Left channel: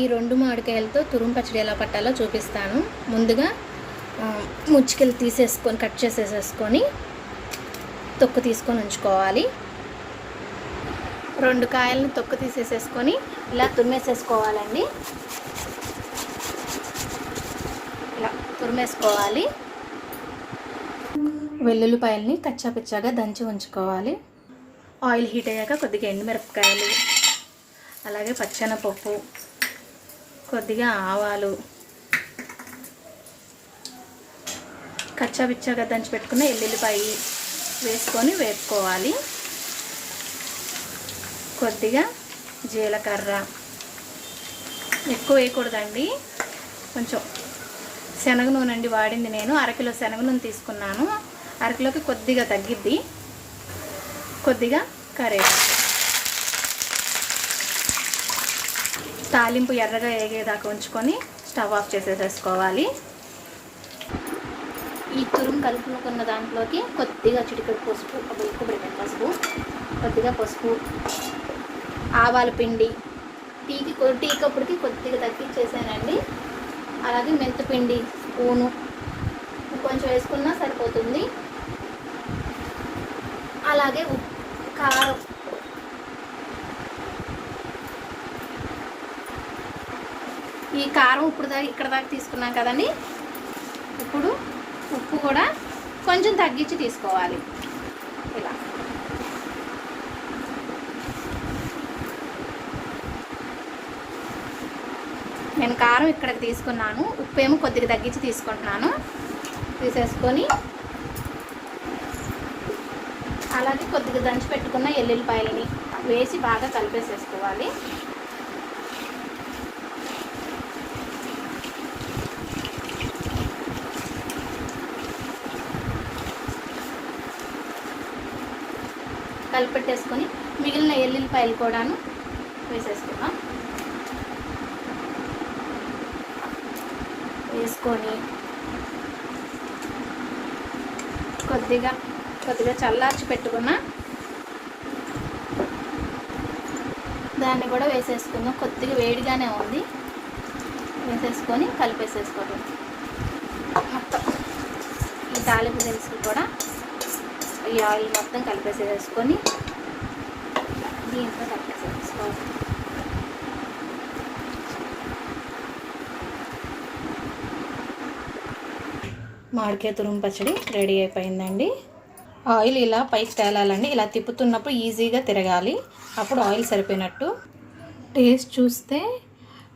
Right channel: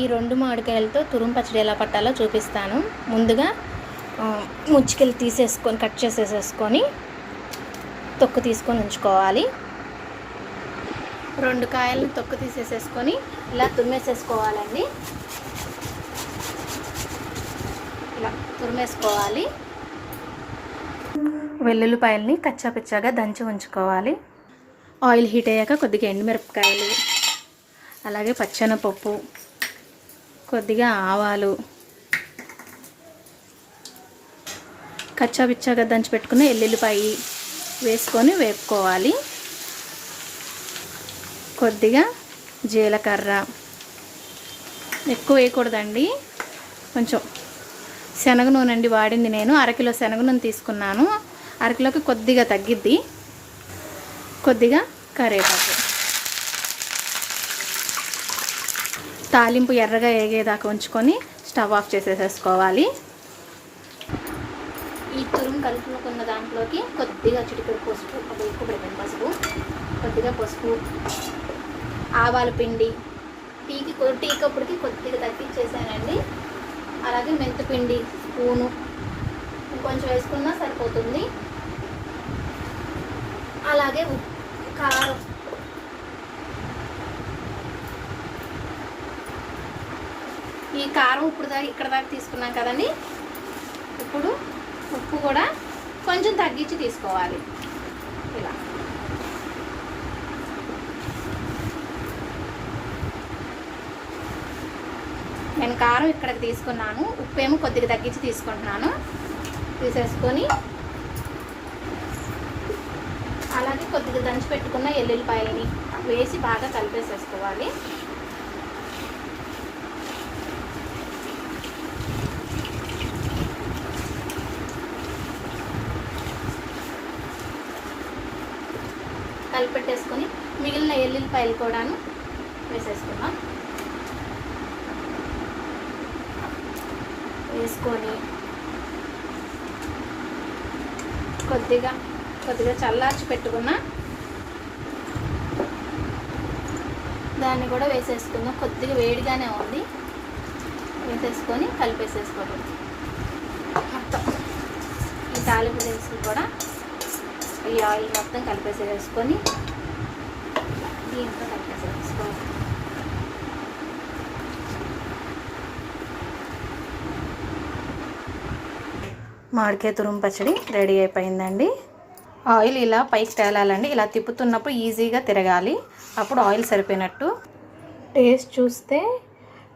ఈ రెండు మామిడికాయలతో తురుము పచ్చడి ఎలా పట్టాలో చూపిస్తాను. ముందుగా ముచ్చికలు తీసేసుకొని కట్ చేసేసేసుకొని తొక్కు తీసుకొని ఉంచుకోవాలి. రెండు కాయలను తొక్కు తీసేసేసుకొని ఇలా తురిమేసేసుకోవాలండి. ఇలా తురిమేసుకోవాలి. వెల్లుల్లిపాయల్ని కచ్చాపిచ్చాగా దంచి ఉంచుకోవాలి. ఆయిల్ హీట్ అయ్యాక కొద్దిగా ఎండుమిరపకాయలు అలాగే పచ్చెనపప్పు కొద్దిగా ఆవాలు కచ్చాబిచ్చాగా దంచి పెట్టుకున్న ఎల్లుల్లిపాయ వేసుకొని వేపుకోవాలి. కొద్దిగా జీలకర్ర. ఎక్కువ వేయకూడదండి. కొంచెం శనగ నూనె అండి వాడింది నేను. అరకిలో శనగ నూనె తీసుకున్నాను. అరకిలోకి కొద్దిగా తగ్గిద్ది. కొద్దిగా కరేపాకు తాలింపు ఎర్రగా వేగేదాకా ఉంచుకొని స్టవ్ ఆఫ్ చేసేసేసుకోవాలి. ఈ తురుము కలుపుకున్న దాంట్లోకి కొద్దిగా చిటికెడు పసుపు ఒక ఎక్కువ పసుపు కొద్దిగా పసుపు ఆవాల పిండి. టీకి కొ- టీ కప్పుడికి కొద్దిగా తగ్గించేసానండి అలాగే మెంతిపిండి స్పూను కొంచెం వేసుకున్నా సరిపోతుంది. అలాగే కారం ఈ కారం ఇప్పుడు దాకా ఇక్కడ దాకా తీసుకున్నాం కదండి. ఇప్పుడు ఉప్పు కూడా కొంచెం తగ్గించి తీసుకోవాలి. ఇలా. నేను కారం ఇక్కడ తీసుకున్నాను. ఉప్పు ఏమో కొద్దిగా తగ్గించి తీసుకుంటున్నాను. తీసేసుకొని అలాగే కొద్దిగా దంచి పెట్టుకున్న ఎల్లుల్లిపాయలని వేసి బాగా కలిపేసేసుకోవాలి. కలిపెట్టేసుకొని మిగిలిన ఎల్లుల్లిపాయలు కూడాను వేసేసుకుందాం. వేసుకొని కొద్దిగా కొద్దిగా చల్లార్చి పెట్టుకున్న దాన్ని కూడా వేసేసుకుందాం. కొద్దిగా వేడిగానే ఉంది. వేసేసుకొని కలిపేసేసుకోండి. మొత్తం ఈ తాలింపు దినుసులు కూడా ఈ ఆయిల్ మొత్తం కలిపేసేసుకొని దీంట్లో కలిపేసేసుకోవాలి. మామిడికాయ తురుము పచ్చడి రెడీ అయిపోయిందండి. ఆయిల్ ఇలా పైకి తేలాలండి. ఇలా తిప్పుతున్నప్పుడు ఈజీగా తిరగాలి. అప్పుడు ఆయిల్ సరిపోయినట్టు. టేస్ట్ చూస్తే